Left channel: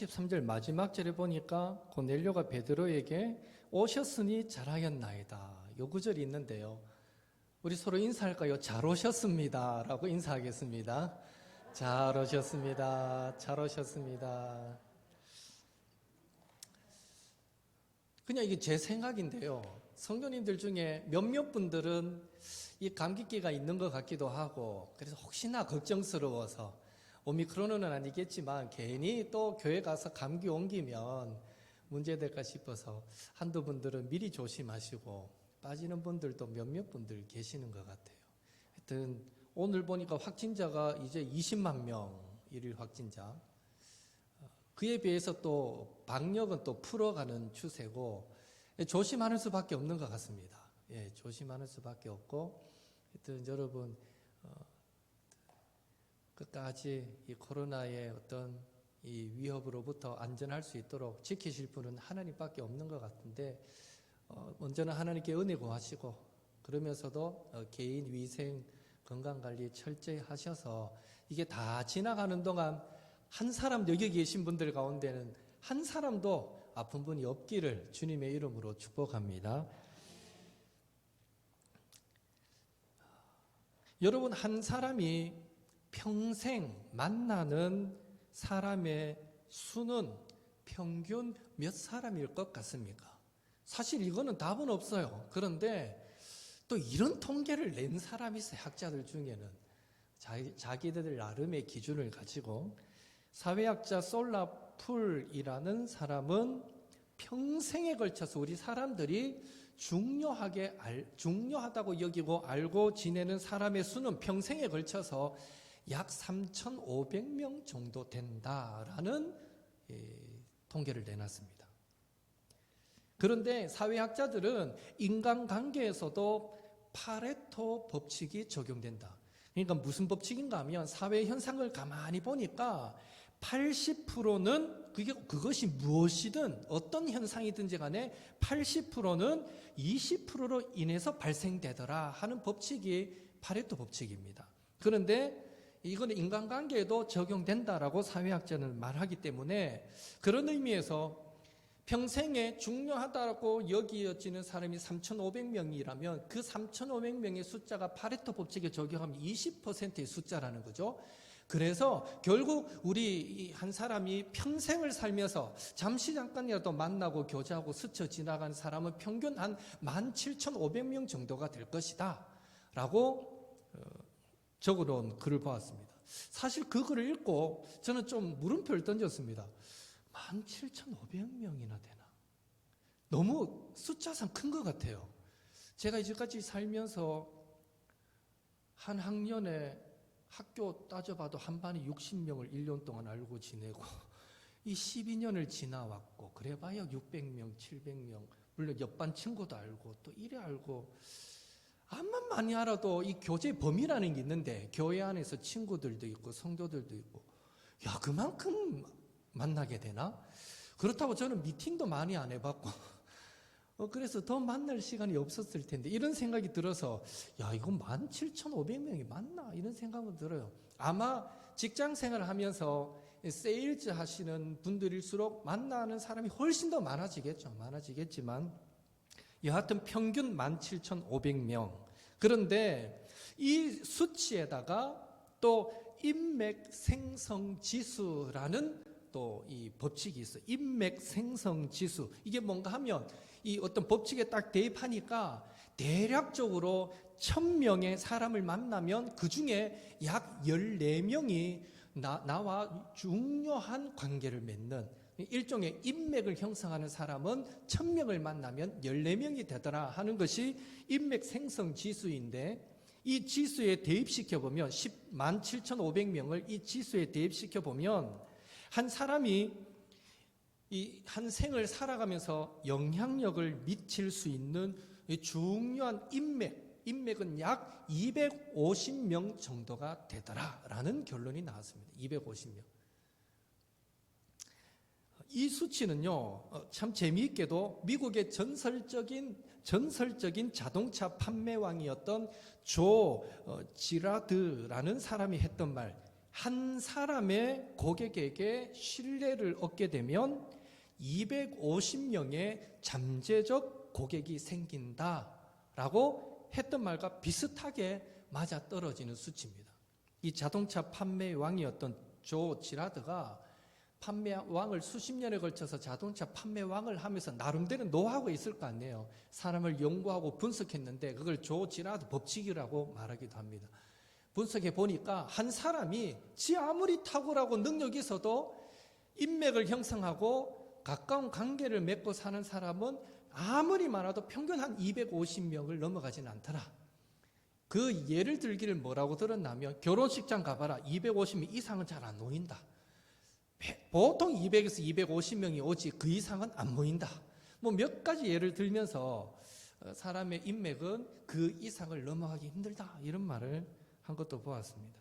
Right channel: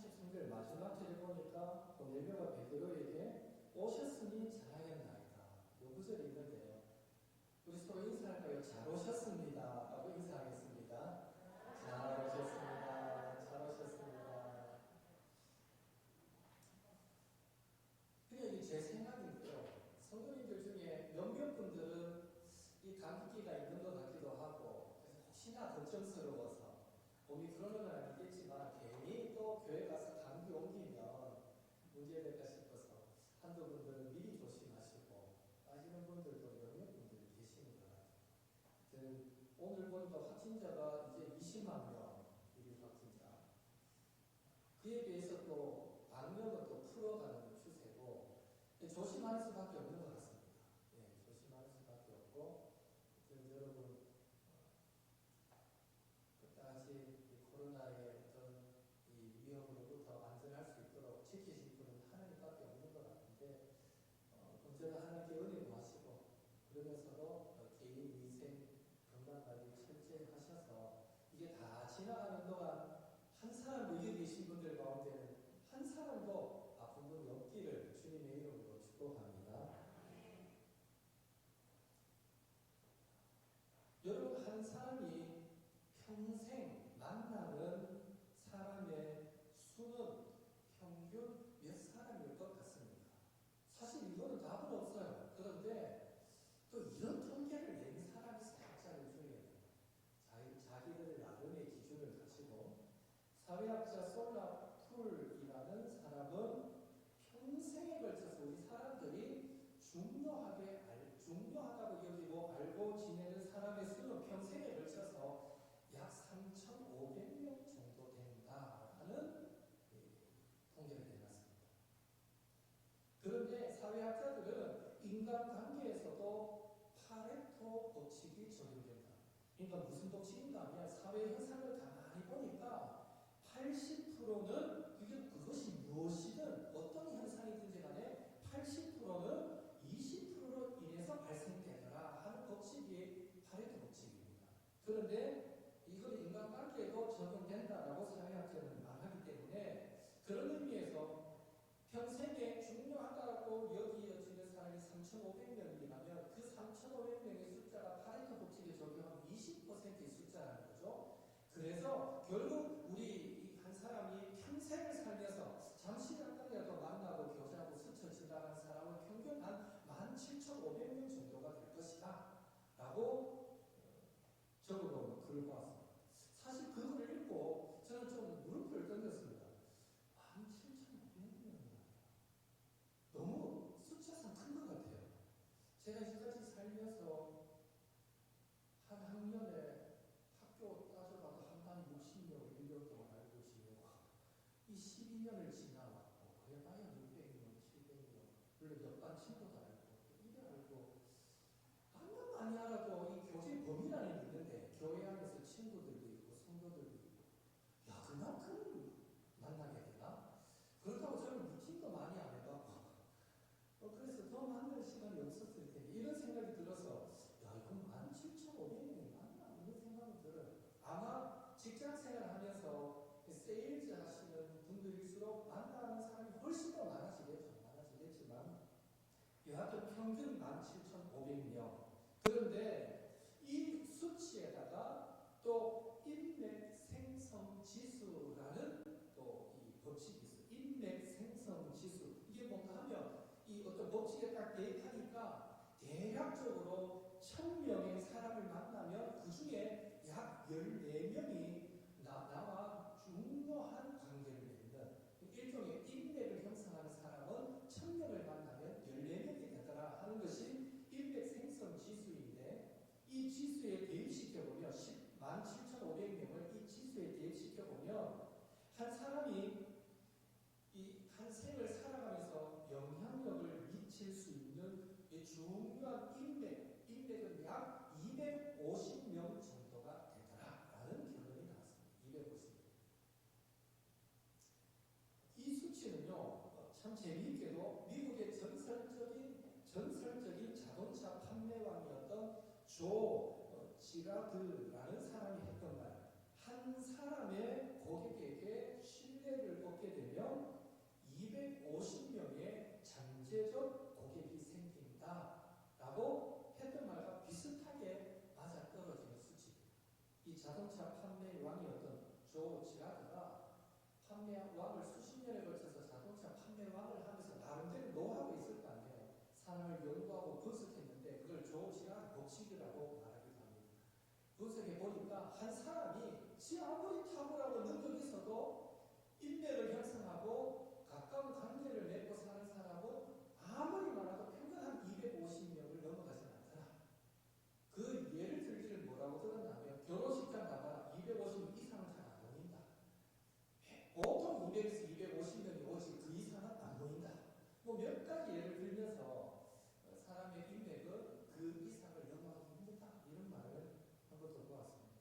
33절 마지막 절에 보니까 고넬료가 베드로에게 오셨으니 잘하였나이다. 요 구절이 있는데요. 우리 서로 인사할까요? 잘 오셨습니다 라고 인사하겠습니다. 잘 오셨습니다. 잘 오셨습니다. 그냥 이게 제 생각인데요. 성도님들 중에 몇몇 분들은 이 감기기가 있는 것 같기도 하고, 그래서 혹시나 걱정스러워서 오미크론은 아니겠지만 괜히 또 교회 가서 감기 옮기면 문제될까 싶어서 한두 분들은 미리 조심하시고 빠지는 분들도 몇몇 분들 계시는 것 같아요. 하여튼 오늘 보니까 확진자가 이제 20만 명, 일일 확진자. 그에 비해서 또 방역은 또 풀어가는 추세고 조심하는 수밖에 없는 것 같습니다. 예, 조심하는 수밖에 없고, 하여튼 여러분 끝까지 이 코로나의 어떤 이 위협으로부터 안전할 수 있도록 지키실 분은 하나님밖에 없는 것 같은데, 먼저는 하나님께 은혜 구하시고, 그러면서도 개인 위생 건강관리 철저히 하셔서 이게 다 지나가는 동안 한 사람도, 여기 계신 분들 가운데는 한 사람도 아픈 분이 없기를 주님의 이름으로 축복합니다. 여러분, 한 사람이 평생 만나는 사람의 수는 평균 몇 사람일 것 같습니까? 사실 이거는 답은 없어요. 그런데 또 이런 통계를 낸 사람이 있어요. 학자들 중에는. 자기들 나름의 기준을 가지고. 사회학자 솔라풀이라는 사람은 평생에 걸쳐서 우리 사람들이 중요하다고 여기고 알고 지내는 사람의 수는 평생에 걸쳐서 약 3,500명 정도 된다라는 통계를 내놨습니다. 그런데 사회학자들은 인간관계에서도 파레토 법칙이 적용된다. 그러니까 무슨 법칙인가 하면 사회 현상을 가만히 보니까 80%는 그것이 무엇이든 어떤 현상이든지 간에 80%는 20%로 인해서 발생되더라 하는 법칙이 파레토 법칙입니다. 그런데 이건 인간관계에도 적용된다라고 사회학자는 말하기 때문에, 그런 의미에서 평생에 중요하다고 여겨지는 사람이 3,500명이라면 그 3,500명의 숫자가 파레토 법칙에 적용하면 20%의 숫자라는 거죠. 그래서 결국 우리 한 사람이 평생을 살면서 잠시 잠깐이라도 만나고 교제하고 스쳐 지나간 사람은 평균 한 17,500명 정도가 될 것이다 라고 적어놓은 글을 보았습니다. 사실 그 글을 읽고 저는 좀 물음표를 던졌습니다. 17,500명이나 되나? 너무 숫자상 큰 것 같아요. 제가 이제까지 살면서 한 학년에 학교 따져봐도 한 반이 60명을 1년 동안 알고 지내고, 이 12년을 지나왔고, 그래봐야 600명, 700명, 물론 옆반 친구도 알고, 또 이래 알고, 암만 많이 알아도 이 교제 범위라는 게 있는데, 교회 안에서 친구들도 있고, 성도들도 있고, 야, 그만큼 만나게 되나? 그렇다고 저는 미팅도 많이 안 해봤고, 그래서 더 만날 시간이 없었을 텐데, 이런 생각이 들어서, 야, 이거 17,500명이 맞나? 이런 생각은 들어요. 아마 직장 생활을 하면서 세일즈 하시는 분들일수록 만나는 사람이 훨씬 더 많아지겠죠. 많아지겠지만, 여하튼 평균 17,500명. 그런데 이 수치에다가 또 인맥 생성 지수라는 또 이 법칙이 있어요. 인맥 생성 지수. 이게 뭔가 하면 이 어떤 법칙에 딱 대입하니까 대략적으로 1,000명의 사람을 만나면 그 중에 약 14명이 나와 중요한 관계를 맺는, 일종의 인맥을 형성하는 사람은 1,000명을 만나면 14명이 되더라 하는 것이 인맥 생성 지수인데, 이 지수에 대입시켜보면 17,500명을 이 지수에 대입시켜보면 한 사람이 이 한 생을 살아가면서 영향력을 미칠 수 있는 중요한 인맥은 약 250명 정도가 되더라라는 결론이 나왔습니다. 250명. 이 수치는요, 참 재미있게도 미국의 전설적인 자동차 판매왕이었던 조 지라드라는 사람이 했던 말, 한 사람의 고객에게 신뢰를 얻게 되면 250명의 잠재적 고객이 생긴다라고 했던 말과 비슷하게 맞아떨어지는 수치입니다. 이 자동차 판매의 왕이었던 조 지라드가 판매왕을 수십 년에 걸쳐서 자동차 판매왕을 하면서 나름대로 노하우가 있을 거 아니에요. 사람을 연구하고 분석했는데 그걸 조 지라드 법칙이라고 말하기도 합니다. 분석해 보니까 한 사람이 지 아무리 탁월하고 능력이 있어도 인맥을 형성하고 가까운 관계를 맺고 사는 사람은 아무리 많아도 평균 한 250명을 넘어가지는 않더라. 그 예를 들기를 뭐라고 들었냐면 결혼식장 가봐라. 250명 이상은 잘 안 모인다. 보통 200에서 250명이 오지 그 이상은 안 모인다. 뭐 몇 가지 예를 들면서 사람의 인맥은 그 이상을 넘어가기 힘들다. 이런 말을 한 것도 보았습니다.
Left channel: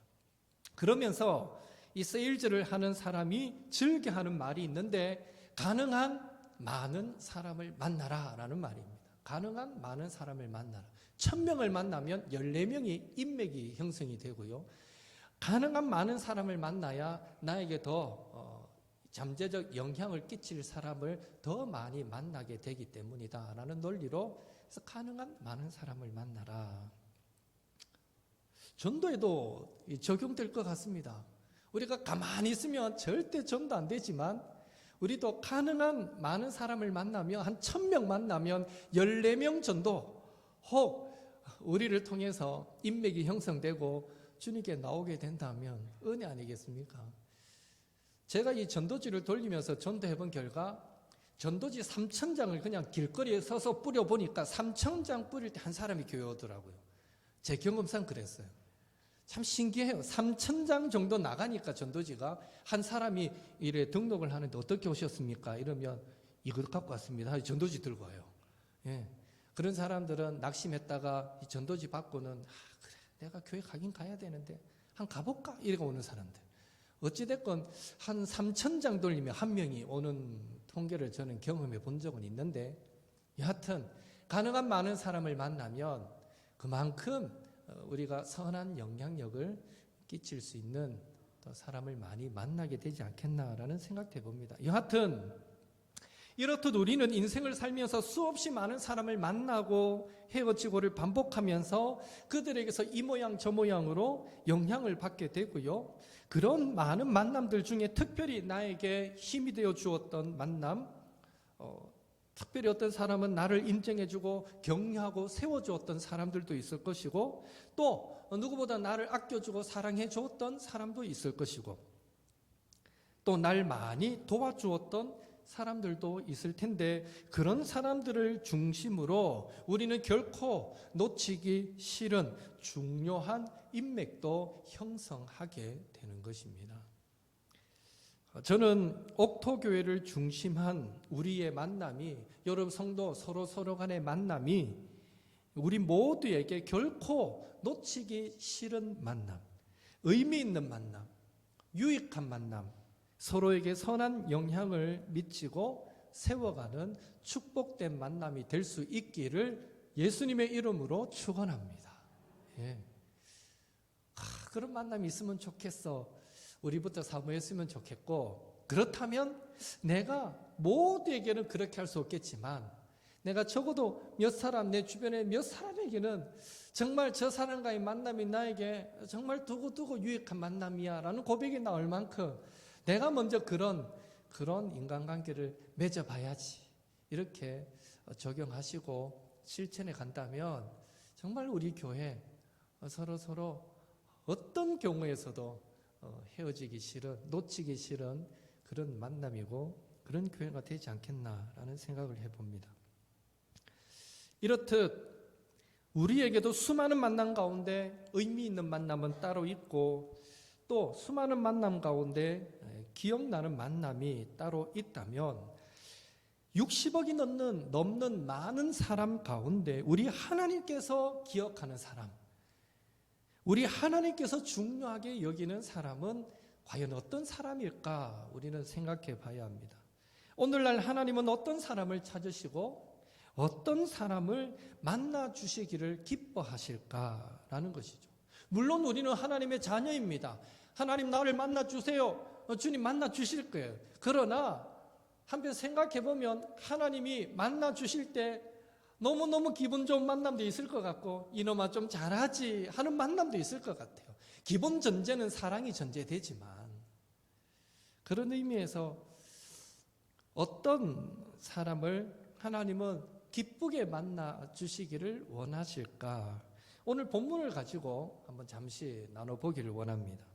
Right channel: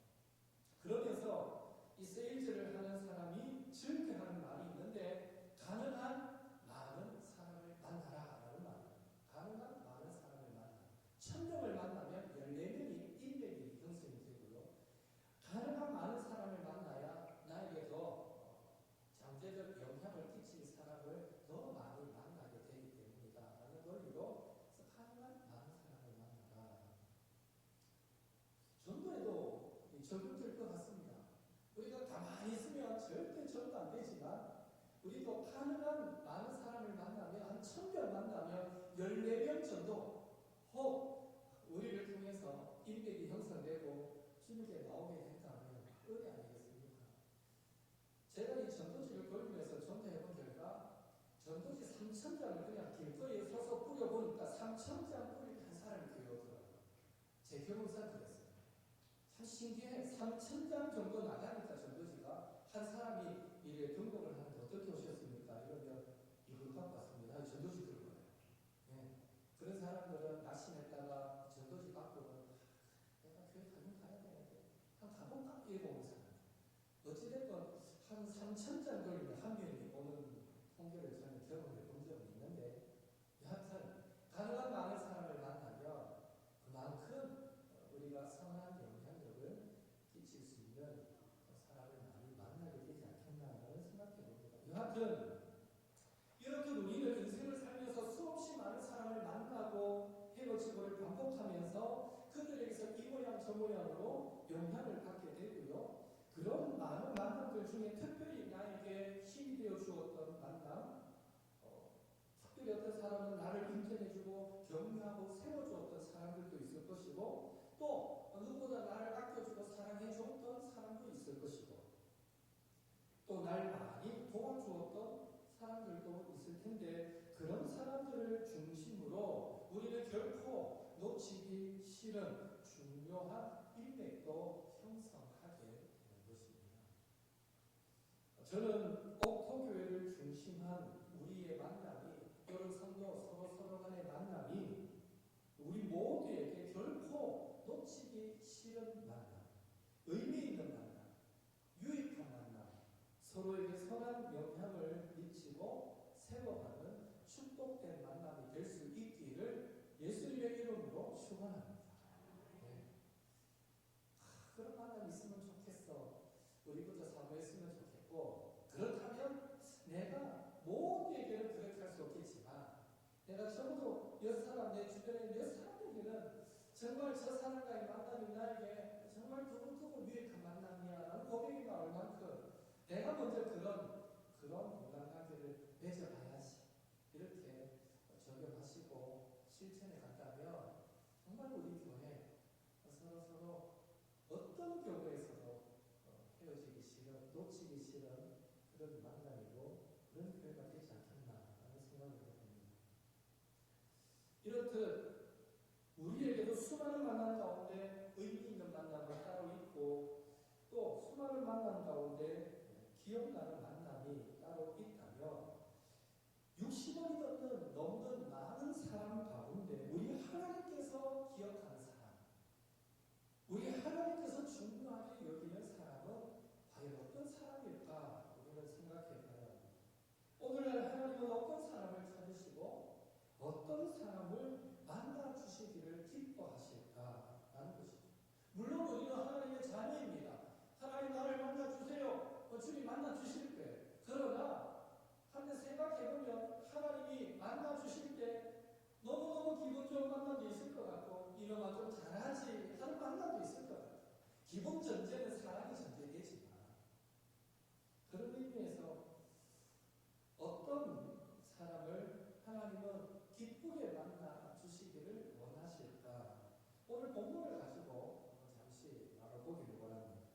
그러면서 이 세일즈를 하는 사람이 즐겨하는 말이 있는데 가능한 많은 사람을 만나라 라는 말입니다. 가능한 많은 사람을 만나라. 1000명을 만나면 14명이 인맥이 형성이 되고요. 가능한 많은 사람을 만나야 나에게 더 잠재적 영향을 끼칠 사람을 더 많이 만나게 되기 때문이다 라는 논리로 그래서 가능한 많은 사람을 만나라. 전도에도 적용될 것 같습니다. 우리가 가만히 있으면 절대 전도 안 되지만 우리도 가능한 많은 사람을 만나면 한 1000명 만나면 14명 전도 혹 우리를 통해서 인맥이 형성되고 주님께 나오게 된다면 은혜 아니겠습니까? 제가 이 전도지를 돌리면서 전도해본 결과 전도지 3000장을 그냥 길거리에 서서 뿌려보니까 3000장 뿌릴 때 한 사람이 교회 오더라고요. 제 경험상 그랬어요. 참 신기해요. 3000장 정도 나가니까 전도지가 한 사람이 이래 등록을 하는데 어떻게 오셨습니까? 이러면 이걸 갖고 왔습니다. 전도지 들고 와요. 예. 그런 사람들은 낙심했다가 이 전도지 받고는 그래 내가 교회 가긴 가야 되는데 한 가볼까? 이러고 오는 사람들. 어찌됐건 한 3000장 돌리면 한 명이 오는 통계를 저는 경험해 본 적은 있는데 여하튼 가능한 많은 사람을 만나면 그만큼 우리가 선한 영향력을 끼칠 수 있는 또 사람을 많이 만나게 되지 않겠나라는 생각해 봅니다. 여하튼 이렇듯 우리는 인생을 살면서 수없이 많은 사람을 만나고 헤어지고를 반복하면서 그들에게서 이 모양 저 모양으로 영향을 받게 되고요. 그런 많은 만남들 중에 특별히 나에게 힘이 되어 주었던 만남, 특별히 어떤 사람은 나를 인정해주고 격려하고 세워주었던 사람들도 있을 것이고 또 누구보다 나를 아껴주고 사랑해주었던 사람도 있을 것이고 또 날 많이 도와주었던 사람들도 있을 텐데 그런 사람들을 중심으로 우리는 결코 놓치기 싫은 중요한 인맥도 형성하게 되는 것입니다. 저는 옥토교회를 중심한 우리의 만남이 여러분 성도 서로 간의 만남이 우리 모두에게 결코 놓치기 싫은 만남, 의미 있는 만남, 유익한 만남, 서로에게 선한 영향을 미치고 세워가는 축복된 만남이 될 수 있기를 예수님의 이름으로 축원합니다. 예. 그런 만남이 있으면 좋겠어. 우리부터 사모했으면 좋겠고 그렇다면 내가 모두에게는 그렇게 할 수 없겠지만 내가 적어도 몇 사람 내 주변에 몇 사람에게는 정말 저 사람과의 만남이 나에게 정말 두고두고 유익한 만남이야 라는 고백이 나올 만큼 내가 먼저 그런 인간관계를 맺어봐야지 이렇게 적용하시고 실천해 간다면 정말 우리 교회 서로 어떤 경우에서도 헤어지기 싫은 놓치기 싫은 그런 만남이고 그런 교회가 되지 않겠나라는 생각을 해봅니다. 이렇듯 우리에게도 수많은 만남 가운데 의미 있는 만남은 따로 있고 또 수많은 만남 가운데 기억나는 만남이 따로 있다면 60억이 넘는 많은 사람 가운데 우리 하나님께서 기억하는 사람, 우리 하나님께서 중요하게 여기는 사람은 과연 어떤 사람일까 우리는 생각해 봐야 합니다. 오늘날 하나님은 어떤 사람을 찾으시고 어떤 사람을 만나 주시기를 기뻐하실까라는 것이죠. 물론 우리는 하나님의 자녀입니다. 하나님 나를 만나 주세요. 주님 만나 주실 거예요. 그러나 한편 생각해 보면 하나님이 만나 주실 때 너무너무 기분 좋은 만남도 있을 것 같고, 이놈아 좀 잘하지 하는 만남도 있을 것 같아요. 기본 전제는 사랑이 전제되지만, 그런 의미에서 어떤 사람을 하나님은 기쁘게 만나 주시기를 원하실까? 오늘 본문을 가지고 한번 잠시 나눠보기를 원합니다.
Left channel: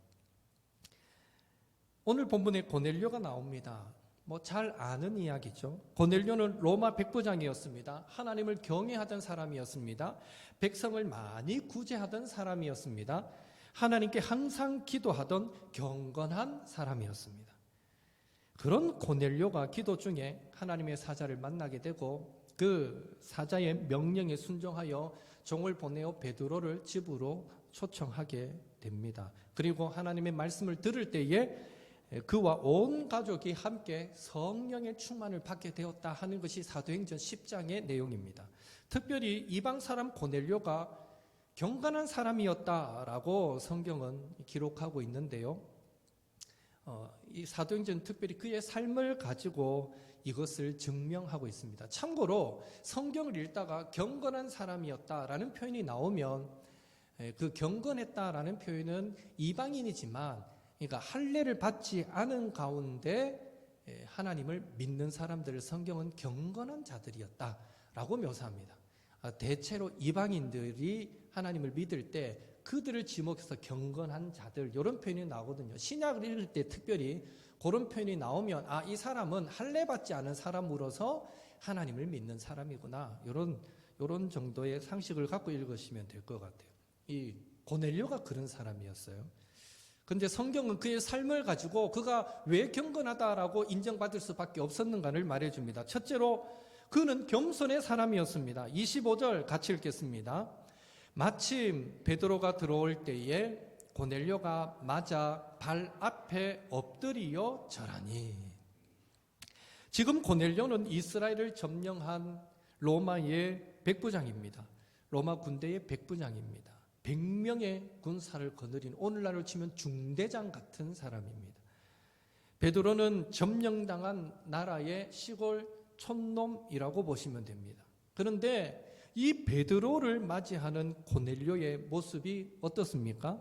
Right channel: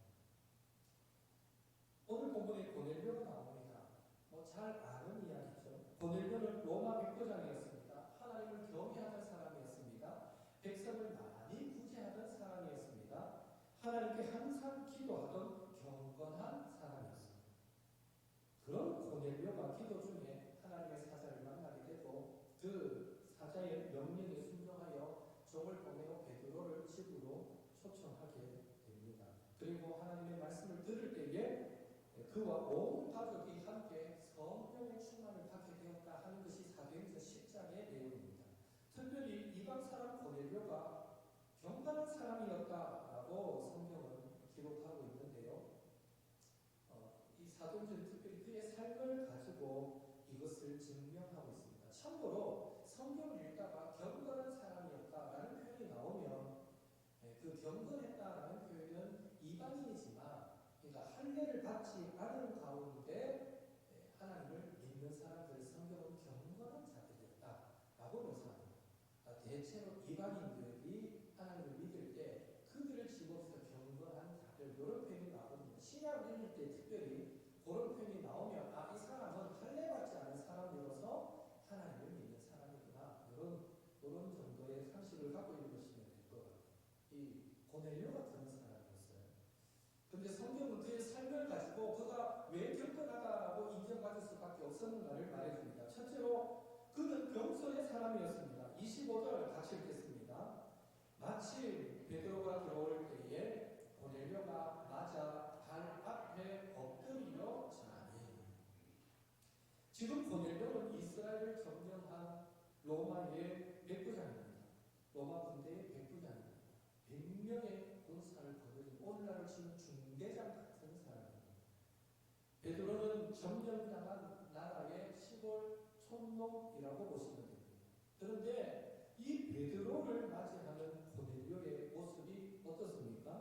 오늘 본문에 고넬료가 나옵니다. 잘 아는 이야기죠. 고넬료는 로마 백부장이었습니다. 하나님을 경외하던 사람이었습니다. 백성을 많이 구제하던 사람이었습니다. 하나님께 항상 기도하던 경건한 사람이었습니다. 그런 고넬료가 기도 중에 하나님의 사자를 만나게 되고, 그 사자의 명령에 순종하여 종을 보내어 베드로를 집으로 초청하게 됩니다. 그리고 하나님의 말씀을 들을 때에 그와 온 가족이 함께 성령의 충만을 받게 되었다 하는 것이 사도행전 10장의 내용입니다. 특별히 이방 사람 고넬료가 경건한 사람이었다라고 성경은 기록하고 있는데요. 이 사도행전 특별히 그의 삶을 가지고 이것을 증명하고 있습니다. 참고로 성경을 읽다가 경건한 사람이었다라는 표현이 나오면, 그 경건했다라는 표현은 이방인이지만, 그러니까 할례를 받지 않은 가운데 하나님을 믿는 사람들을 성경은 경건한 자들이었다라고 묘사합니다. 대체로 이방인들이 하나님을 믿을 때 그들을 지목해서 경건한 자들, 이런 표현이 나오거든요. 신약을 읽을 때 특별히 그런 표현이 나오면, 이 사람은 할례 받지 않은 사람으로서 하나님을 믿는 사람이구나, 이런 정도의 상식을 갖고 읽으시면 될 것 같아요. 이 고넬료가 그런 사람이었어요. 근데 성경은 그의 삶을 가지고 그가 왜 경건하다라고 인정받을 수밖에 없었는가를 말해줍니다. 첫째로 그는 겸손의 사람이었습니다. 25절 같이 읽겠습니다. 마침 베드로가 들어올 때에 고넬료가 맞아 발 앞에 엎드리어 절하니. 지금 고넬료는 이스라엘을 점령한 로마의 백부장입니다. 로마 군대의 백부장입니다. 100명의 군사를 거느린, 오늘날로 치면 중대장 같은 사람입니다. 베드로는 점령당한 나라의 시골 촌놈이라고 보시면 됩니다. 그런데 이 베드로를 맞이하는 고넬료의 모습이 어떻습니까?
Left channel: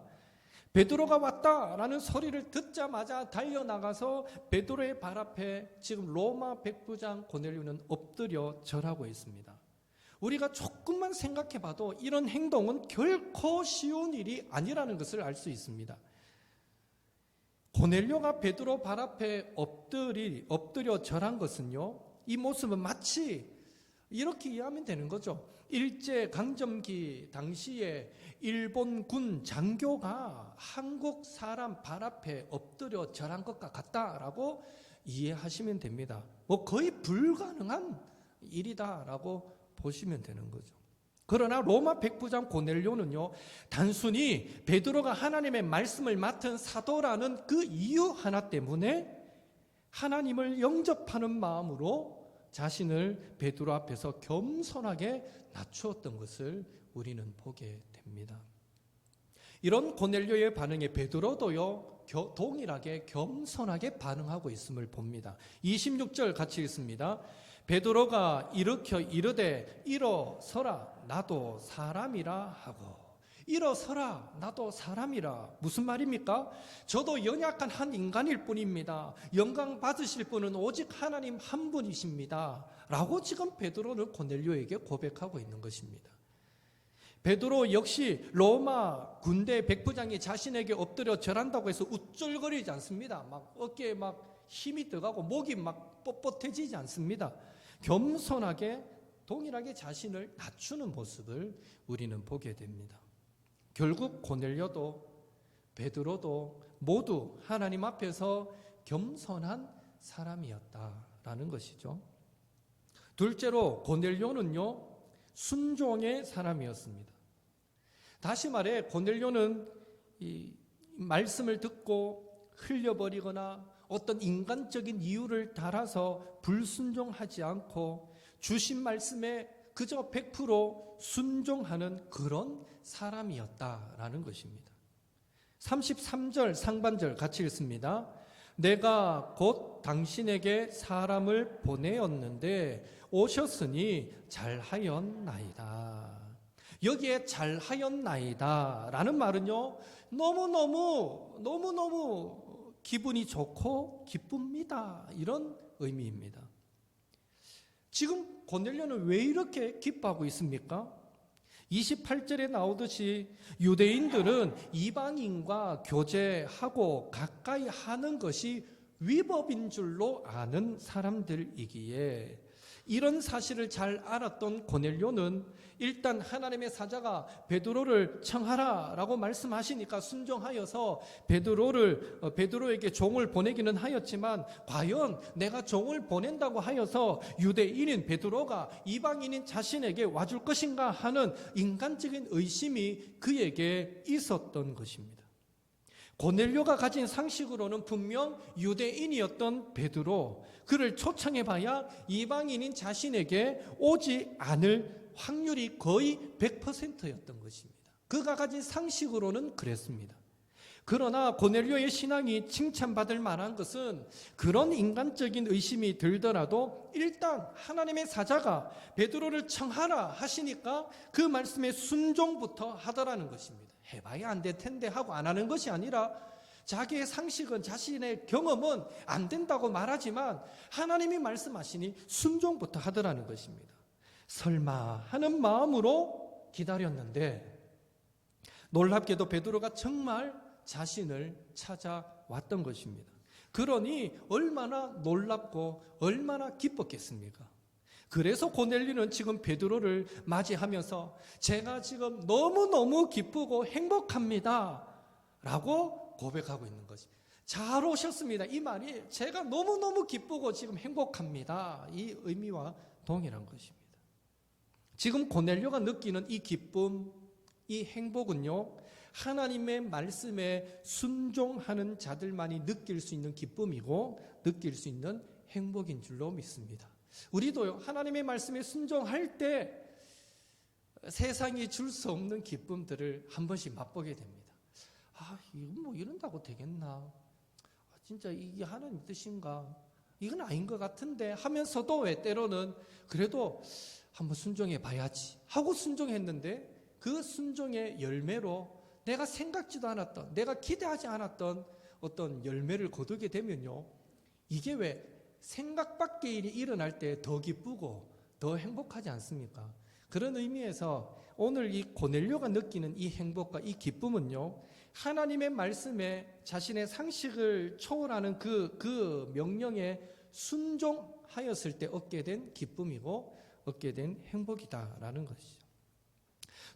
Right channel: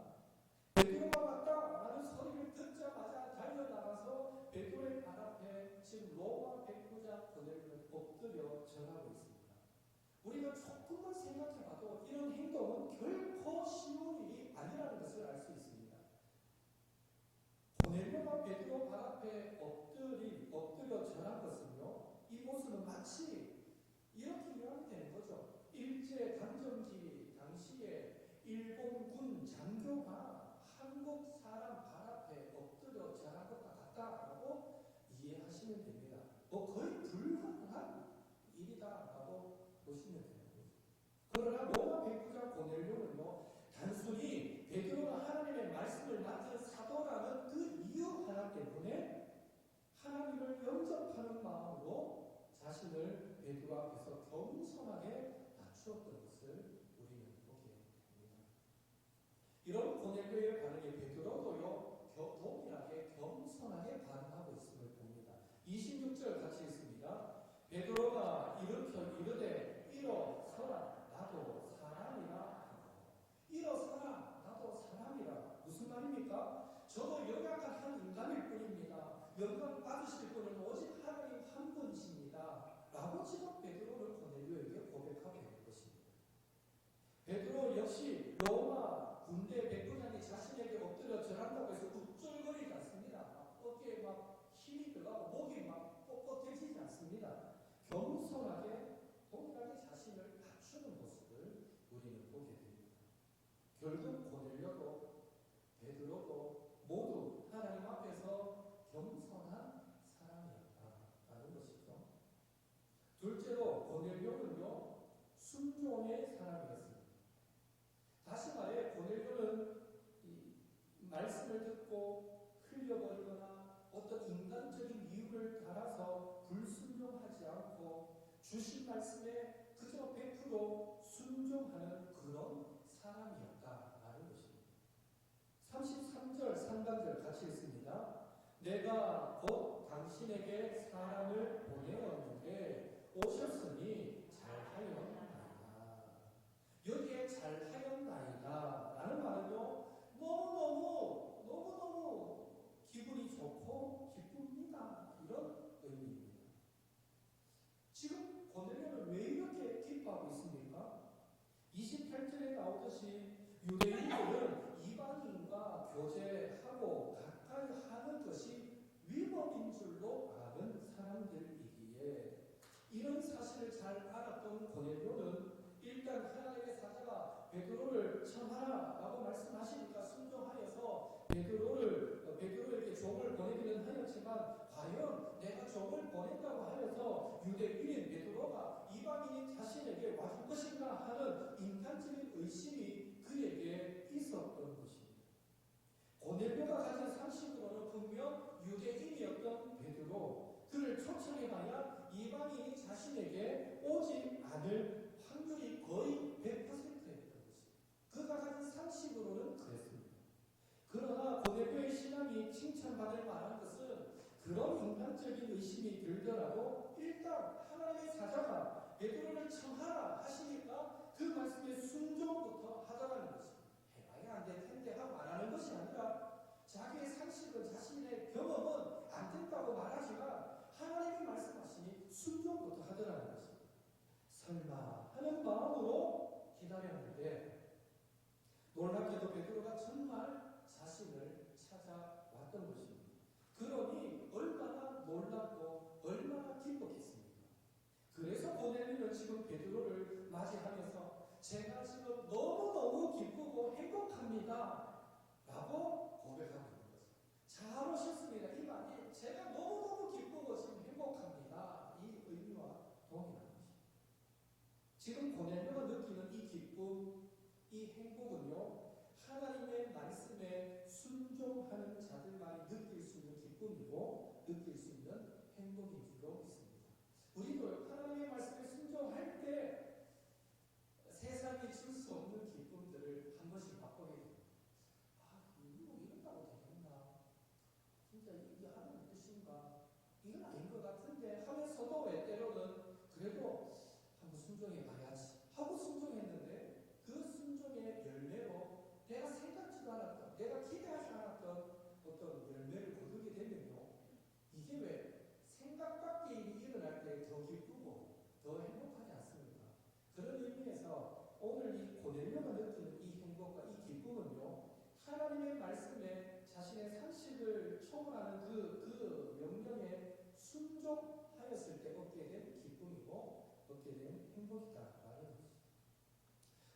베드로가 왔다라는 소리를 듣자마자 달려나가서 베드로의 발 앞에 지금 로마 백부장 고넬료는 엎드려 절하고 있습니다. 우리가 조금만 생각해봐도 이런 행동은 결코 쉬운 일이 아니라는 것을 알 수 있습니다. 고넬료가 베드로 발 앞에 엎드려 절한 것은요, 이 모습은 마치 이렇게 이해하면 되는 거죠. 일제 강점기 당시에 일본 군 장교가 한국 사람 발 앞에 엎드려 절한 것과 같다라고 이해하시면 됩니다. 거의 불가능한 일이다라고 보시면 되는 거죠. 그러나 로마 백부장 고넬료는요, 단순히 베드로가 하나님의 말씀을 맡은 사도라는 그 이유 하나 때문에 하나님을 영접하는 마음으로 자신을 베드로 앞에서 겸손하게 낮추었던 것을 우리는 보게 됩니다. 이런 고넬료의 반응에 베드로도요, 동일하게 겸손하게 반응하고 있음을 봅니다. 26절 같이 읽습니다. 베드로가 일으켜 이르되 일어서라 나도 사람이라 하고. 일어서라 나도 사람이라, 무슨 말입니까? 저도 연약한 한 인간일 뿐입니다. 영광 받으실 분은 오직 하나님 한 분이십니다 라고 지금 베드로는 고넬료에게 고백하고 있는 것입니다. 베드로 역시 로마 군대 백부장이 자신에게 엎드려 절한다고 해서 우쭐거리지 않습니다. 막 어깨에 막 힘이 들어가고 목이 막 뻣뻣해지지 않습니다. 겸손하게 동일하게 자신을 낮추는 모습을 우리는 보게 됩니다. 결국 고넬료도 베드로도 모두 하나님 앞에서 겸손한 사람이었다라는 것이죠. 둘째로 고넬료는요, 순종의 사람이었습니다. 다시 말해 고넬료는 이 말씀을 듣고 흘려버리거나 어떤 인간적인 이유를 달아서 불순종하지 않고 주신 말씀에 그저 100% 순종하는 그런 사람이었다라는 것입니다. 33절 상반절 같이 읽습니다. 내가 곧 당신에게 사람을 보내었는데 오셨으니 잘하였나이다. 여기에 잘하였나이다 라는 말은요, 너무너무 기분이 좋고 기쁩니다, 이런 의미입니다. 지금 고넬료는 왜 이렇게 기뻐하고 있습니까? 28절에 나오듯이 유대인들은 이방인과 교제하고 가까이 하는 것이 위법인 줄로 아는 사람들이기에, 이런 사실을 잘 알았던 고넬료는 일단 하나님의 사자가 베드로를 청하라라고 말씀하시니까 순종하여서 베드로에게 종을 보내기는 하였지만, 과연 내가 종을 보낸다고 하여서 유대인인 베드로가 이방인인 자신에게 와줄 것인가 하는 인간적인 의심이 그에게 있었던 것입니다. 고넬료가 가진 상식으로는 분명 유대인이었던 베드로, 그를 초청해봐야 이방인인 자신에게 오지 않을 확률이 거의 100%였던 것입니다. 그가 가진 상식으로는 그랬습니다. 그러나 고넬료의 신앙이 칭찬받을 만한 것은, 그런 인간적인 의심이 들더라도 일단 하나님의 사자가 베드로를 청하라 하시니까 그 말씀에 순종부터 하더라는 것입니다. 해봐야 안 될 텐데 하고 안 하는 것이 아니라, 자기의 상식은, 자신의 경험은 안 된다고 말하지만 하나님이 말씀하시니 순종부터 하더라는 것입니다. 설마 하는 마음으로 기다렸는데, 놀랍게도 베드로가 정말 자신을 찾아왔던 것입니다. 그러니 얼마나 놀랍고 얼마나 기뻤겠습니까? 그래서 고넬료는 지금 베드로를 맞이하면서 제가 지금 너무너무 기쁘고 행복합니다 라고 고백하고 있는 것입니다. 잘 오셨습니다. 이 말이 제가 너무너무 기쁘고 지금 행복합니다, 이 의미와 동일한 것입니다. 지금 고넬료가 느끼는 이 기쁨, 이 행복은요, 하나님의 말씀에 순종하는 자들만이 느낄 수 있는 기쁨이고 느낄 수 있는 행복인 줄로 믿습니다. 우리도 하나님의 말씀에 순종할 때 세상이 줄 수 없는 기쁨들을 한 번씩 맛보게 됩니다. 이건 뭐 이런다고 되겠나? 진짜 이게 하나님 뜻인가? 이건 아닌 것 같은데 하면서도 왜 때로는 그래도 한번 순종해 봐야지 하고 순종했는데, 그 순종의 열매로 내가 생각지도 않았던, 내가 기대하지 않았던 어떤 열매를 거두게 되면요, 이게 왜 생각 밖의 일이 일어날 때 더 기쁘고 더 행복하지 않습니까? 그런 의미에서 오늘 이 고넬료가 느끼는 이 행복과 이 기쁨은요, 하나님의 말씀에 자신의 상식을 초월하는 그 명령에 순종하였을 때 얻게 된 기쁨이고 얻게 된 행복이다라는 것이죠.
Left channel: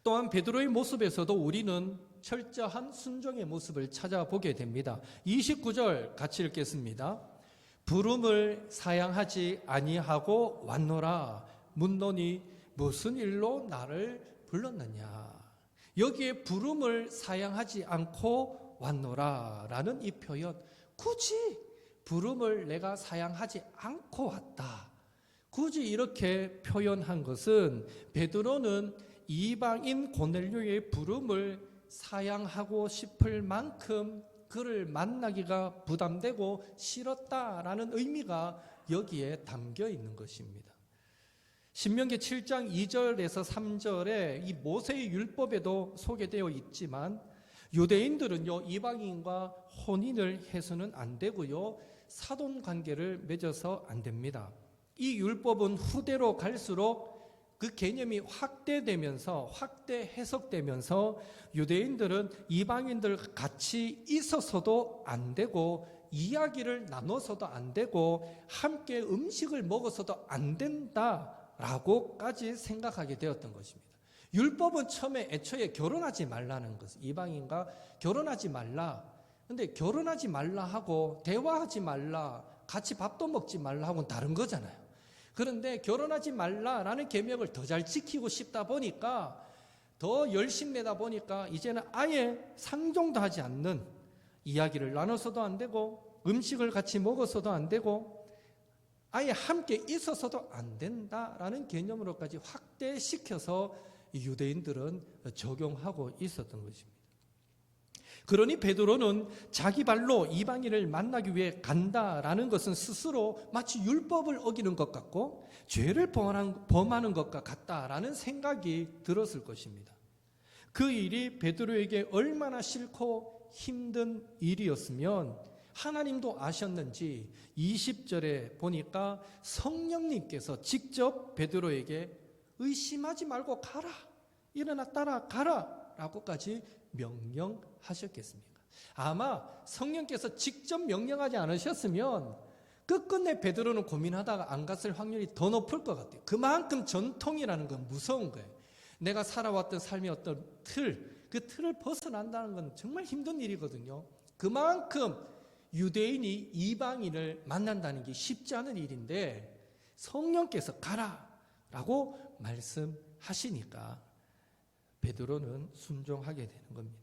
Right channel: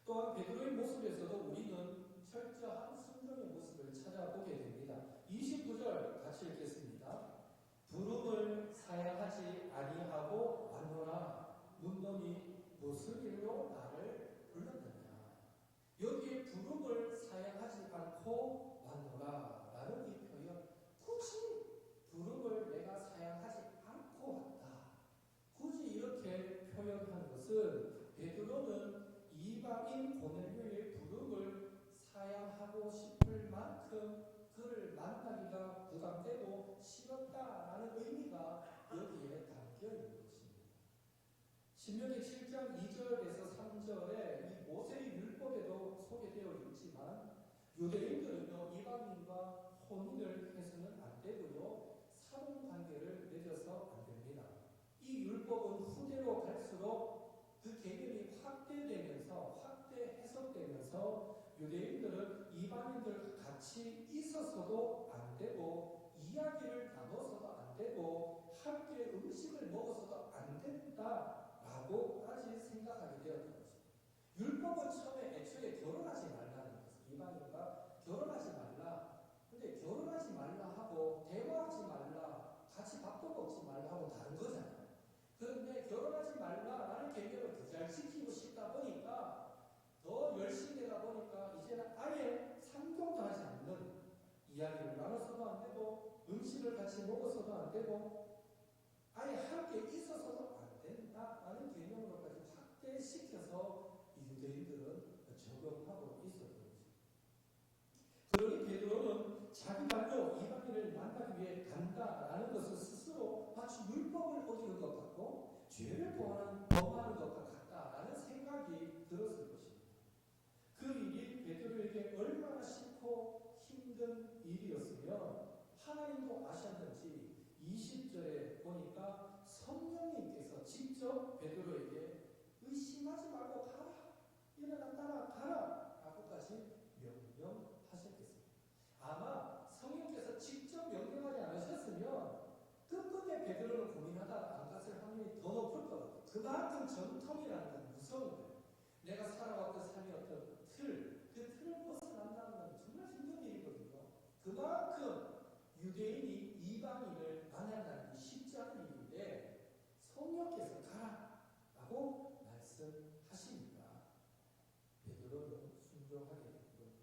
또한 베드로의 모습에서도 우리는 철저한 순종의 모습을 찾아보게 됩니다. 29절 같이 읽겠습니다. 부름을 사양하지 아니하고 왔노라. 묻노니 무슨 일로 나를 불렀느냐. 여기에 부름을 사양하지 않고 왔노라 라는 이 표현, 굳이 부름을 내가 사양하지 않고 왔다, 굳이 이렇게 표현한 것은 베드로는 이방인 고넬료의 부름을 사양하고 싶을 만큼 그를 만나기가 부담되고 싫었다라는 의미가 여기에 담겨 있는 것입니다. 신명기 7장 2절에서 3절에 이 모세의 율법에도 소개되어 있지만, 유대인들은요, 이방인과 혼인을 해서는 안 되고요, 사돈관계를 맺어서 안 됩니다. 이 율법은 후대로 갈수록 그 개념이 확대 해석되면서 유대인들은 이방인들 같이 있어서도 안 되고, 이야기를 나눠서도 안 되고, 함께 음식을 먹어서도 안 된다라고까지 생각하게 되었던 것입니다. 율법은 처음에 애초에 결혼하지 말라는 것, 이방인과 결혼하지 말라. 근데 결혼하지 말라 하고 대화하지 말라, 같이 밥도 먹지 말라 하고는 다른 거잖아요. 그런데 결혼하지 말라라는 계명을 더 잘 지키고 싶다 보니까, 더 열심내다 보니까 이제는 아예 상종도 하지 않는, 이야기를 나눠서도 안 되고 음식을 같이 먹어서도 안 되고 아예 함께 있어서도 안 된다라는 개념으로까지 확대시켜서 유대인들은 적용하고 있었던 것입니다. 그러니 베드로는 자기 발로 이방인을 만나기 위해 간다라는 것은 스스로 마치 율법을 어기는 것 같고 죄를 범하는 것과 같다라는 생각이 들었을 것입니다. 그 일이 베드로에게 얼마나 싫고 힘든 일이었으면 하나님도 아셨는지 20절에 보니까 성령님께서 직접 베드로에게 의심하지 말고 가라, 일어나 따라가라 라고까지 명령하셨겠습니까? 아마 성령께서 직접 명령하지 않으셨으면 끝끝내 베드로는 고민하다가 안 갔을 확률이 더 높을 것 같아요. 그만큼 전통이라는 건 무서운 거예요. 내가 살아왔던 삶의 어떤 그 틀을 벗어난다는 건 정말 힘든 일이거든요. 그만큼 유대인이 이방인을 만난다는 게 쉽지 않은 일인데 성령께서 가라라고 말씀하시니까 베드로는 순종하게 되는 겁니다.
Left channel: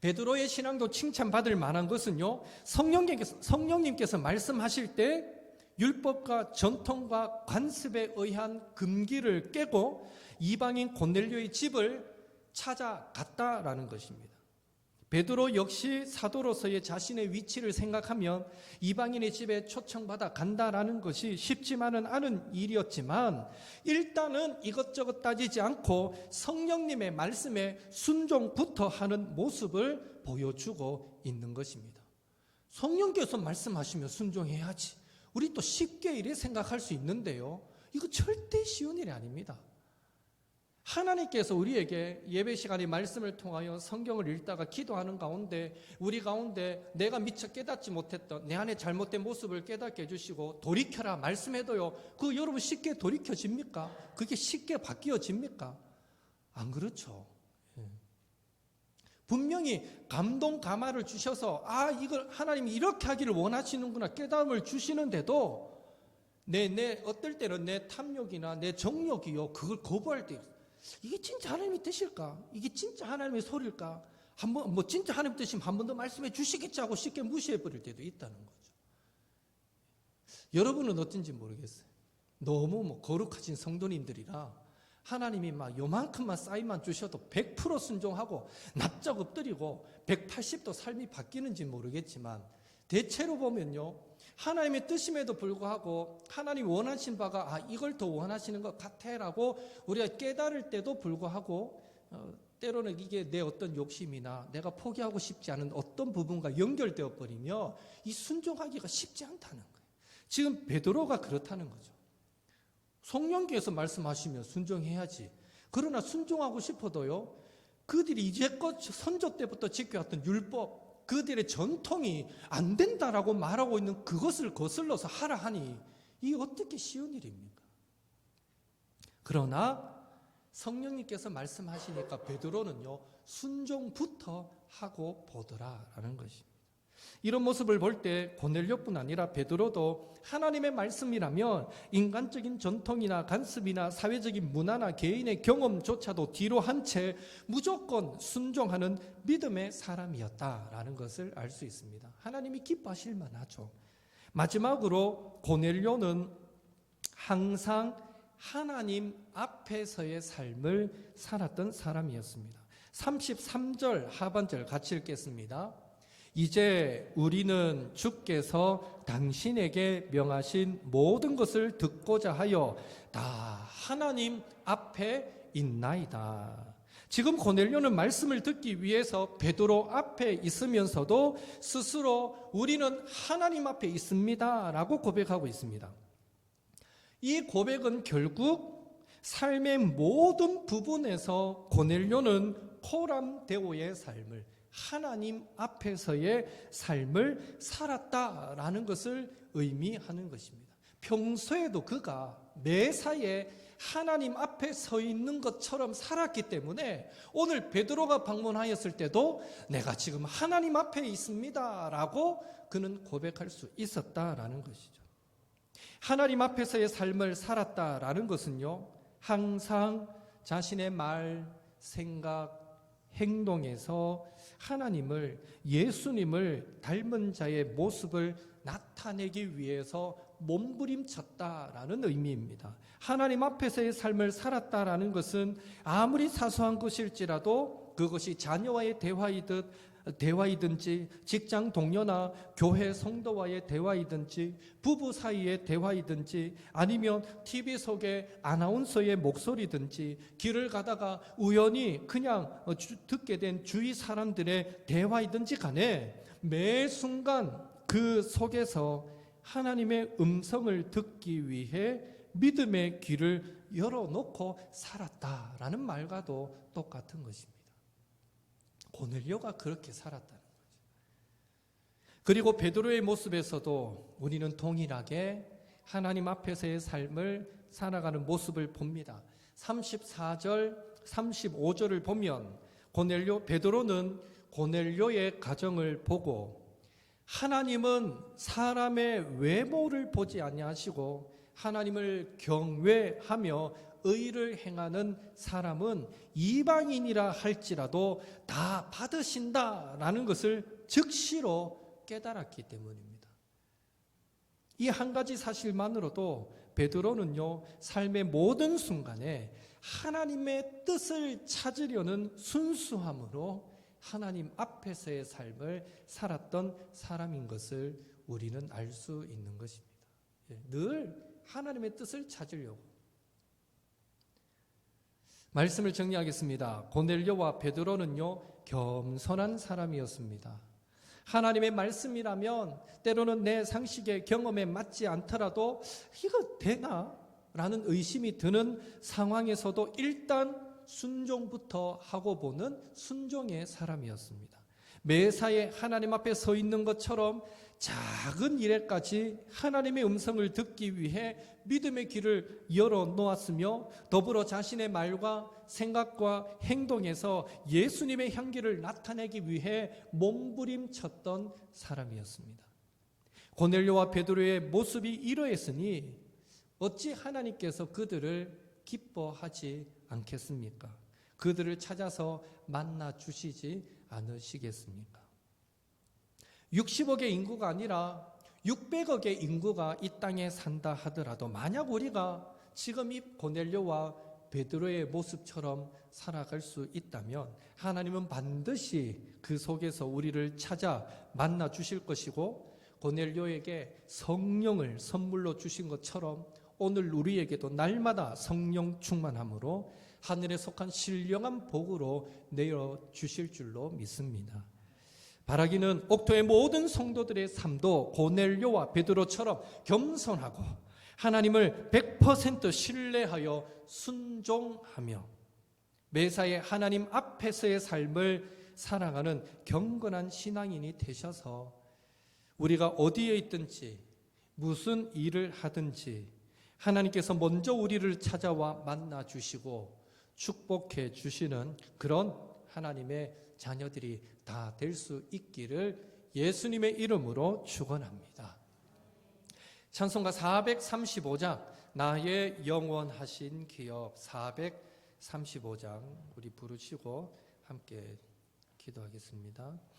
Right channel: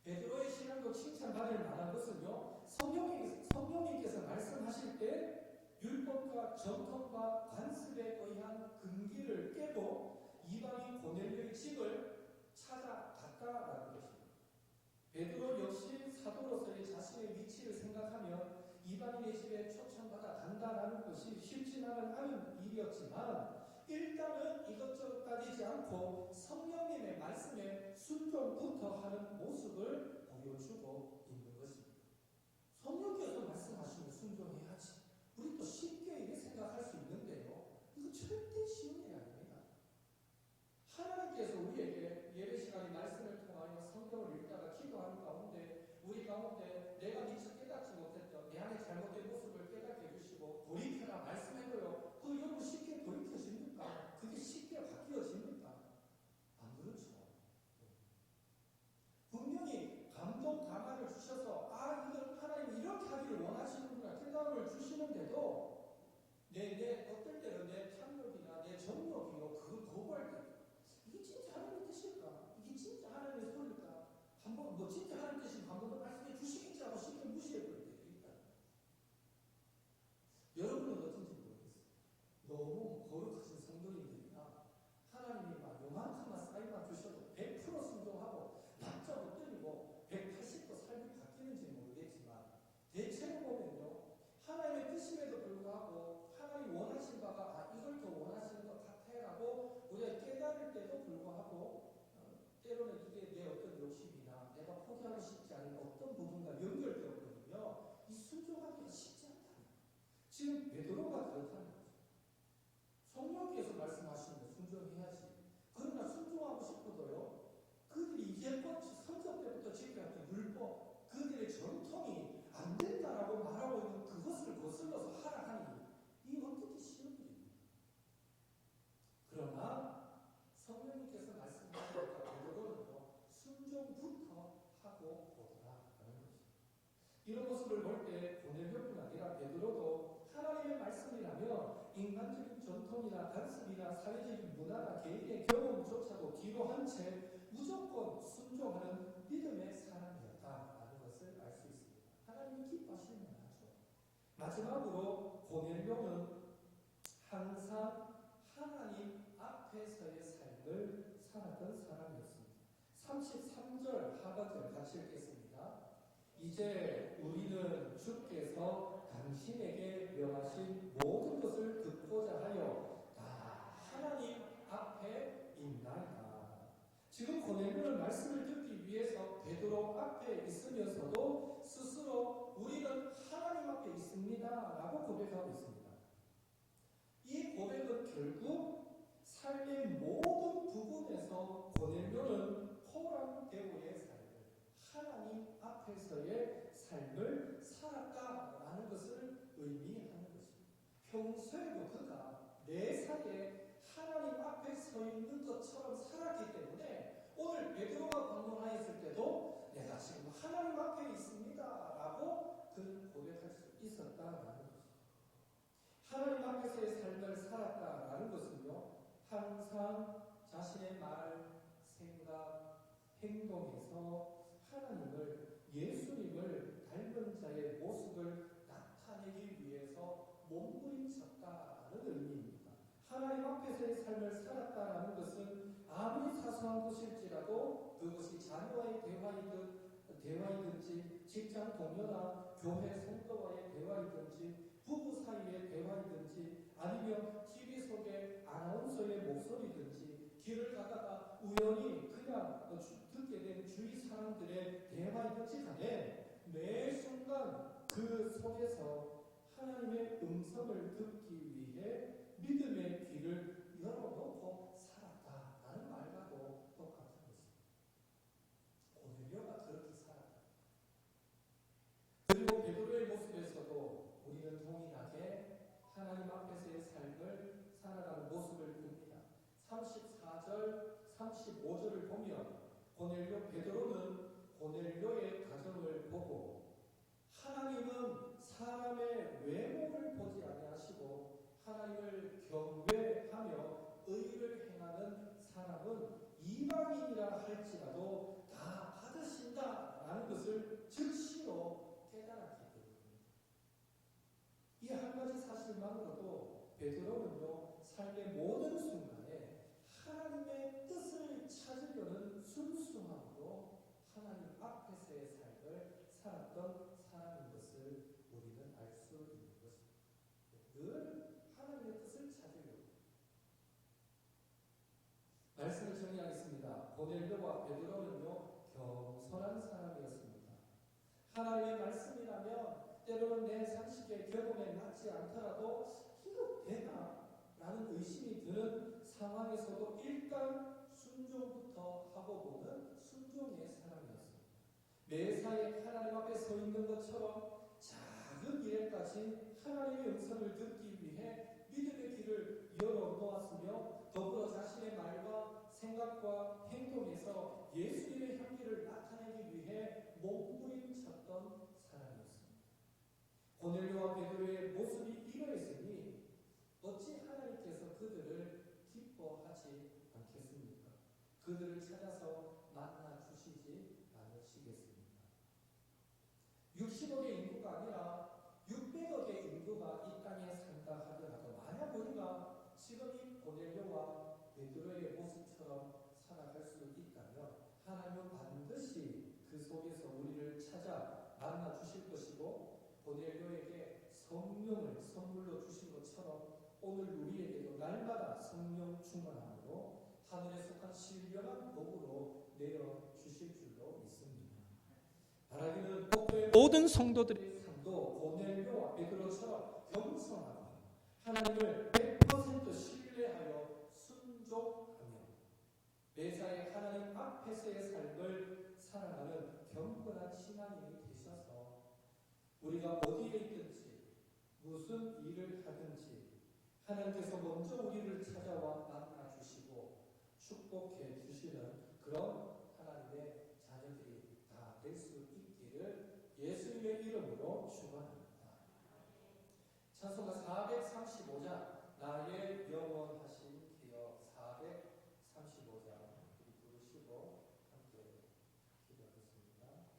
베드로의 신앙도 칭찬받을 만한 것은요, 성령님께서 말씀하실 때 율법과 전통과 관습에 의한 금기를 깨고 이방인 고넬료의 집을 찾아갔다라는 것입니다. 베드로 역시 사도로서의 자신의 위치를 생각하면 이방인의 집에 초청받아 간다라는 것이 쉽지만은 않은 일이었지만 일단은 이것저것 따지지 않고 성령님의 말씀에 순종부터 하는 모습을 보여주고 있는 것입니다. 성령께서 말씀하시면 순종해야지. 우리 또 쉽게 이래 생각할 수 있는데요. 이거 절대 쉬운 일이 아닙니다. 하나님께서 우리에게 예배 시간에 말씀을 통하여 성경을 읽다가 기도하는 가운데 우리 가운데 내가 미처 깨닫지 못했던 내 안에 잘못된 모습을 깨닫게 해주시고 돌이켜라 말씀해도요, 그거 여러분 쉽게 돌이켜집니까? 그게 쉽게 바뀌어집니까? 안 그렇죠. 분명히 감동 감화를 주셔서 이걸 하나님이 이렇게 하기를 원하시는구나 깨달음을 주시는데도 내 어떨 때는 내 탐욕이나 내 정욕이요 그걸 거부할 때 이게 진짜 하나님의 뜻일까? 이게 진짜 하나님의 소리일까? 한번 진짜 하나님 뜻이면 한 번 더 말씀해 주시겠지 하고 쉽게 무시해 버릴 때도 있다는 거죠. 여러분은 어떤지 모르겠어요. 너무 거룩하신 성도님들이라 하나님이 막 요만큼만 사인만 주셔도 100% 순종하고 납작 엎드리고 180도 삶이 바뀌는지 모르겠지만 대체로 보면요, 하나님의 뜻임에도 불구하고 하나님 원하신 바가 이걸 더 원하시는 것 같아라고 우리가 깨달을 때도 불구하고 때로는 이게 내 어떤 욕심이나 내가 포기하고 싶지 않은 어떤 부분과 연결되어 버리며 이 순종하기가 쉽지 않다는 거예요. 지금 베드로가 그렇다는 거죠. 성령께서 말씀하시면 순종해야지. 그러나 순종하고 싶어도요, 그들이 이제껏 선조 때부터 지켜왔던 율법, 그들의 전통이 안 된다라고 말하고 있는 그것을 거슬러서 하라 하니 이게 어떻게 쉬운 일입니까? 그러나 성령님께서 말씀하시니까 베드로는요, 순종부터 하고 보더라라는 것입니다. 이런 모습을 볼 때 고넬료뿐 아니라 베드로도 하나님의 말씀이라면 인간적인 전통이나 관습이나 사회적인 문화나 개인의 경험조차도 뒤로 한 채 무조건 순종하는 믿음의 사람이었다라는 것을 알 수 있습니다. 하나님이 기뻐하실 만하죠. 마지막으로 고넬료는 항상 하나님 앞에서의 삶을 살았던 사람이었습니다. 33절 하반절 같이 읽겠습니다. 이제 우리는 주께서 당신에게 명하신 모든 것을 듣고자 하여 다 하나님 앞에 있나이다. 지금 고넬료는 말씀을 듣기 위해서 베드로 앞에 있으면서도 스스로 우리는 하나님 앞에 있습니다 라고 고백하고 있습니다. 이 고백은 결국 삶의 모든 부분에서 고넬료는 코람데오의 삶을, 하나님 앞에서의 삶을 살았다라는 것을 의미하는 것입니다. 평소에도 그가 매사에 하나님 앞에 서 있는 것처럼 살았기 때문에 오늘 베드로가 방문하였을 때도 내가 지금 하나님 앞에 있습니다 라고 그는 고백할 수 있었다라는 것이죠. 하나님 앞에서의 삶을 살았다라는 것은요, 항상 자신의 말, 생각, 행동에서 하나님을, 예수님을 닮은 자의 모습을 나타내기 위해서 몸부림쳤다라는 의미입니다. 하나님 앞에서의 삶을 살았다라는 것은 아무리 사소한 것일지라도 그것이 자녀와의 대화이듯 대화이든지 직장 동료나 교회 성도와의 대화이든지 부부 사이의 대화이든지 아니면 TV 속의 아나운서의 목소리든지 길을 가다가 우연히 그냥 듣게 된 주위 사람들의 대화이든지 간에 매 순간 그 속에서 하나님의 음성을 듣기 위해 믿음의 귀를 열어놓고 살았다라는 말과도 똑같은 것입니다. 고넬료가 그렇게 살았다는 거죠. 그리고 베드로의 모습에서도 우리는 동일하게 하나님 앞에서의 삶을 살아가는 모습을 봅니다. 34절, 35절을 보면 베드로는 고넬료의 가정을 보고 하나님은 사람의 외모를 보지 아니하시고 하나님을 경외하며 의를 행하는 사람은 이방인이라 할지라도 다 받으신다라는 것을 즉시로 깨달았기 때문입니다. 이 한 가지 사실만으로도 베드로는요, 삶의 모든 순간에 하나님의 뜻을 찾으려는 순수함으로 하나님 앞에서의 삶을 살았던 사람인 것을 우리는 알 수 있는 것입니다. 늘 하나님의 뜻을 찾으려고. 말씀을 정리하겠습니다. 고넬료와 베드로는요, 겸손한 사람이었습니다. 하나님의 말씀이라면 때로는 내 상식의 경험에 맞지 않더라도 이거 되나? 라는 의심이 드는 상황에서도 일단 순종부터 하고 보는 순종의 사람이었습니다. 매사에 하나님 앞에 서 있는 것처럼 작은 일에까지 하나님의 음성을 듣기 위해 믿음의 길을 열어놓았으며 더불어 자신의 말과 생각과 행동에서 예수님의 향기를 나타내기 위해 몸부림쳤던 사람이었습니다. 고넬료와 베드로의 모습이 이러했으니 어찌 하나님께서 그들을 기뻐하지 않겠습니까? 그들을 찾아서 만나 주시지 않으시겠습니까? 60억의 인구가 아니라 600억의 인구가 이 땅에 산다 하더라도 만약 우리가 지금 이 고넬료와 베드로의 모습처럼 살아갈 수 있다면 하나님은 반드시 그 속에서 우리를 찾아 만나 주실 것이고 고넬료에게 성령을 선물로 주신 것처럼 오늘 우리에게도 날마다 성령 충만함으로 하늘에 속한 신령한 복으로 내어주실 줄로 믿습니다. 바라기는 옥토의 모든 성도들의 삶도 고넬료와 베드로처럼 겸손하고 하나님을 100% 신뢰하여 순종하며 매사에 하나님 앞에서의 삶을 살아가는 경건한 신앙인이 되셔서 우리가 어디에 있든지 무슨 일을 하든지 하나님께서 먼저 우리를 찾아와 만나 주시고 축복해 주시는 그런 하나님의 자녀들이 다 될 수 있기를 예수님의 이름으로 축원합니다. 찬송가 435장 나의 영원하신 기업 435장 우리 부르시고 함께 기도하겠습니다.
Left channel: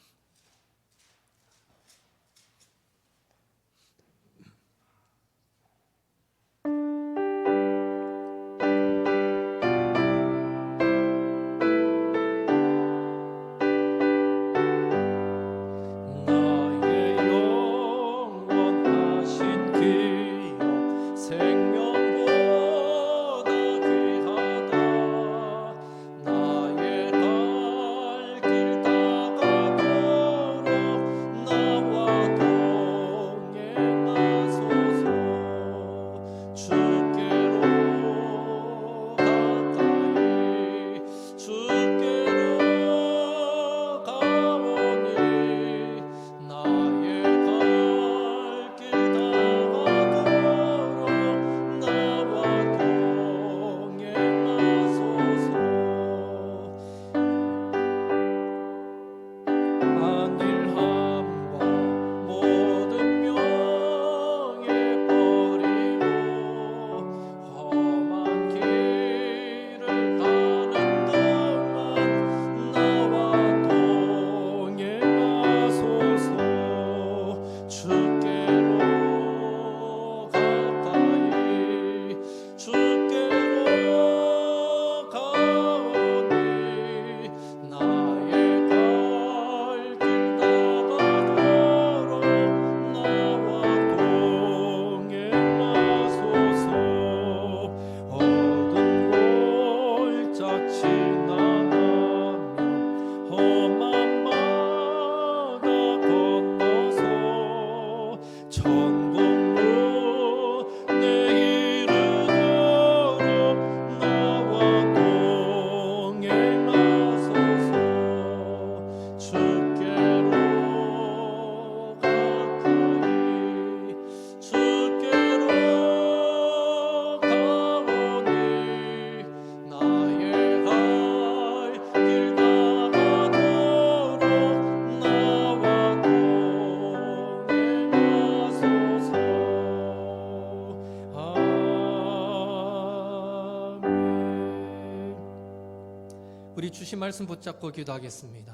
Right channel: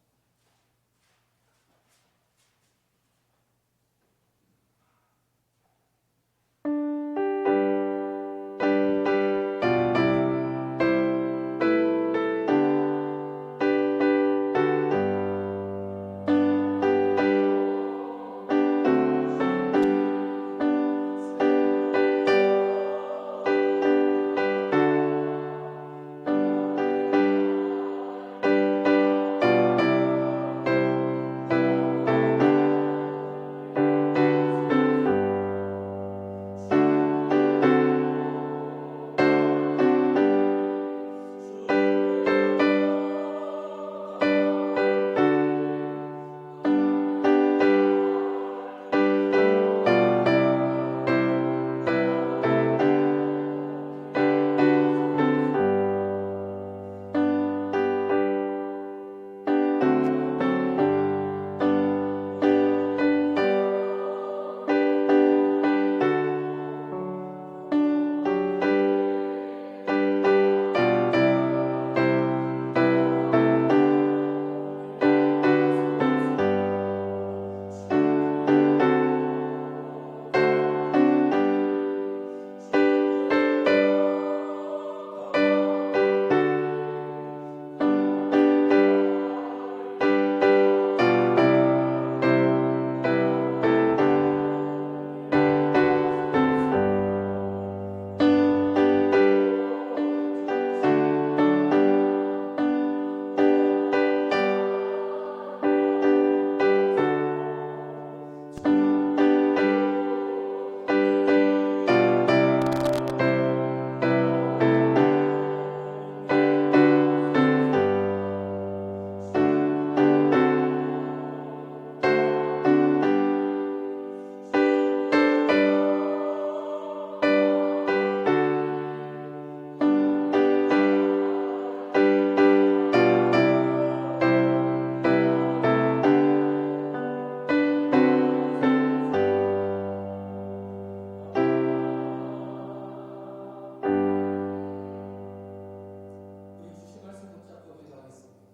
주신 말씀 붙잡고 기도하겠습니다.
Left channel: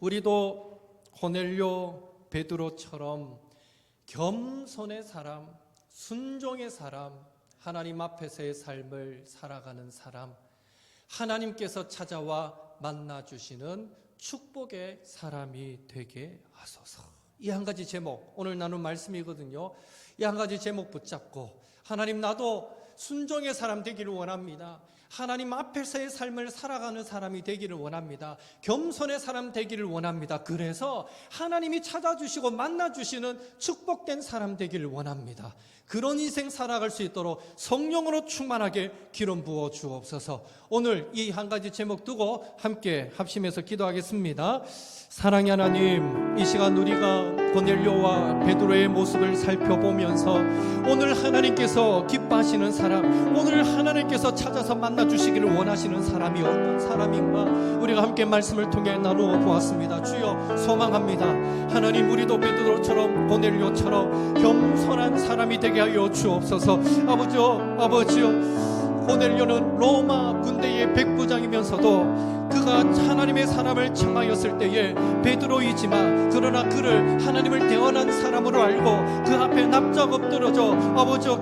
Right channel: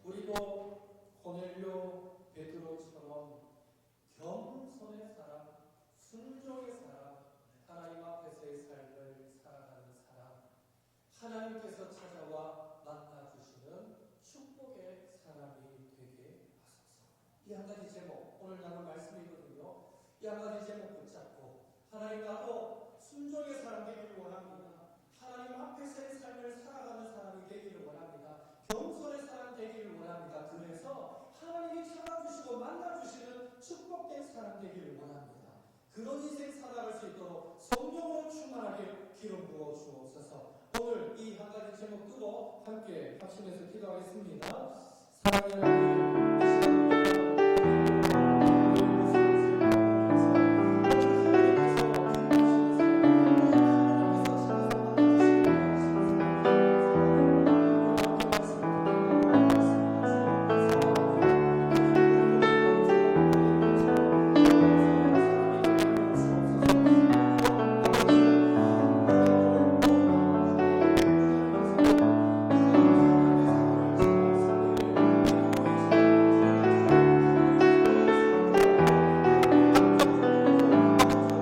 우리도 고넬료 베드로처럼 겸손의 사람, 순종의 사람, 하나님 앞에서의 삶을 살아가는 사람, 하나님께서 찾아와 만나주시는 축복의 사람이 되게 하소서. 이 한 가지 제목, 오늘 나눈 말씀이거든요. 이 한 가지 제목 붙잡고, 하나님, 나도 순종의 사람 되기를 원합니다. 하나님 앞에서의 삶을 살아가는 사람이 되기를 원합니다. 겸손의 사람 되기를 원합니다. 그래서 하나님이 찾아주시고 만나주시는 축복된 사람 되기를 원합니다. 그런 인생 살아갈 수 있도록 성령으로 충만하게 기름 부어 주옵소서. 오늘 이 한 가지 제목 두고 함께 합심해서 기도하겠습니다. 사랑의 하나님, 이 시간 우리가 고넬료와 베드로의 모습을 살펴보면서 오늘 하나님께서 기뻐하시는 사람, 오늘 하나님께서 찾아서 만나주시기를 원하시는 사람이 어떤 사람인가 우리가 함께 말씀을 통해 나누어 보았습니다. 주여, 소망합니다. 하나님, 우리도 베드로처럼 고넬료처럼 겸손한 사람이 되게 하여 주옵소서. 아버지요, 고넬료는 로마 군대의 백부장이면서도 그가 하나님의 사람을 책망했을 때에 베드로이지만 그러나 그를 하나님을 대원한 사람으로 알고 그 앞에 납작 엎드러져 아버지요